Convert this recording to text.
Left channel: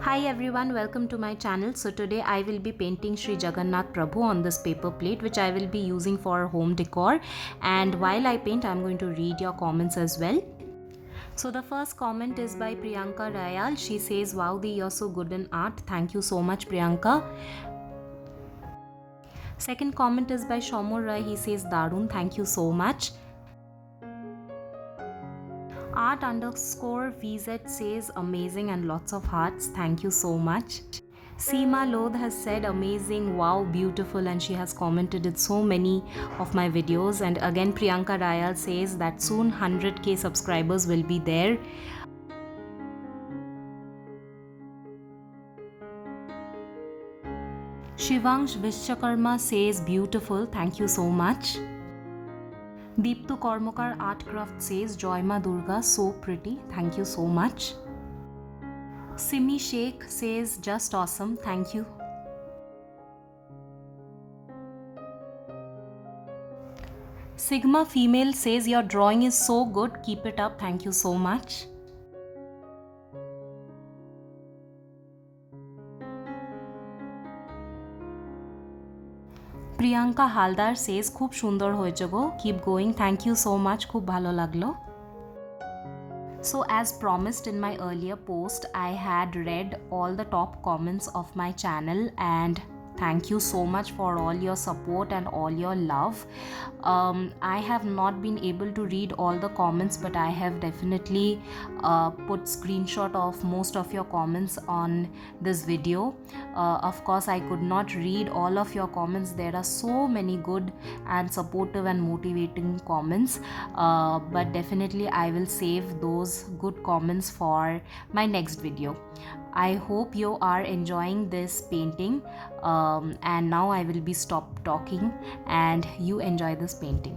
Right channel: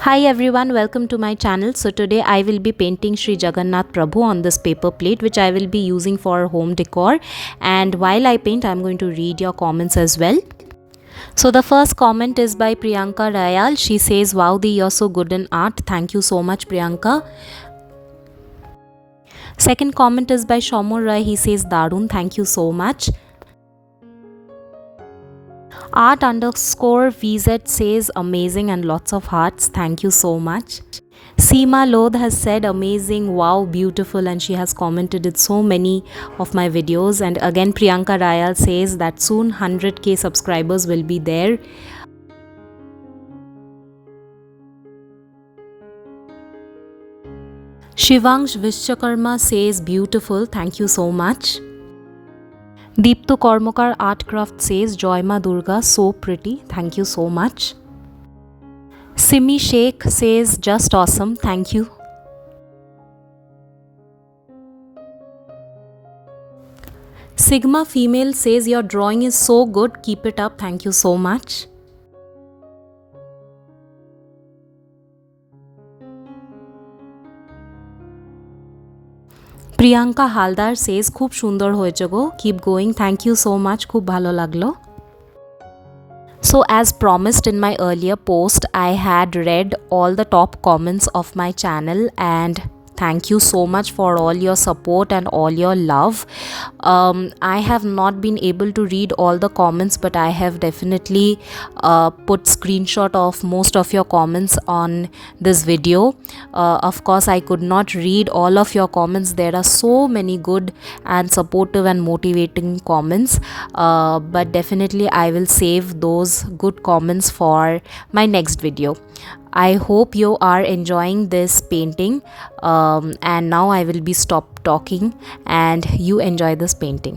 Hi everyone, welcome to my channel. So today I will be painting Sri Jagannath Prabhu on this paper plate, which I will be using for home decor. And while I paint, I'm going to read your comments as well. So the first comment is by Priyanka Rayal. She says, "Wow, you're so good in art." Thank you so much, Priyanka. Second comment is by Shomur Rai. He says, "Darun, thank you so much." Art underscore VZ says, "Amazing," and lots of hearts. Thank you so much. Seema Lodh has said, "Amazing, wow, beautiful," and she has commented it so many of my videos. And again, Priyanka Rayal says that soon 100k subscribers will be there. Shivangsh Vishwakarma says, "Beautiful, thank you so much." Deepto Kormokar Artcraft says, "Joyma Durga, so pretty, thank you so much." Simi Sheikh says, "Just awesome, thank you." Sigma Female says, "Your drawing is so good, keep it up, thank you so much." Priyanka Haldar says, "Khub sundor hoyeche go, keep going, thank you so much, khub bhalo laglo." So as promised in my earlier post, I had read all the top comments of my channel, and thank you so much for all your support and all your love. I have not been able to read all the comments, but I have definitely put screenshot of most of your comments on this video. Of course, I could not read all of your comments. There are so many good and supportive and motivating comments, but definitely I will save those good comments for my next video. I hope you are enjoying this painting, and now I will be stop talking and you enjoy this painting.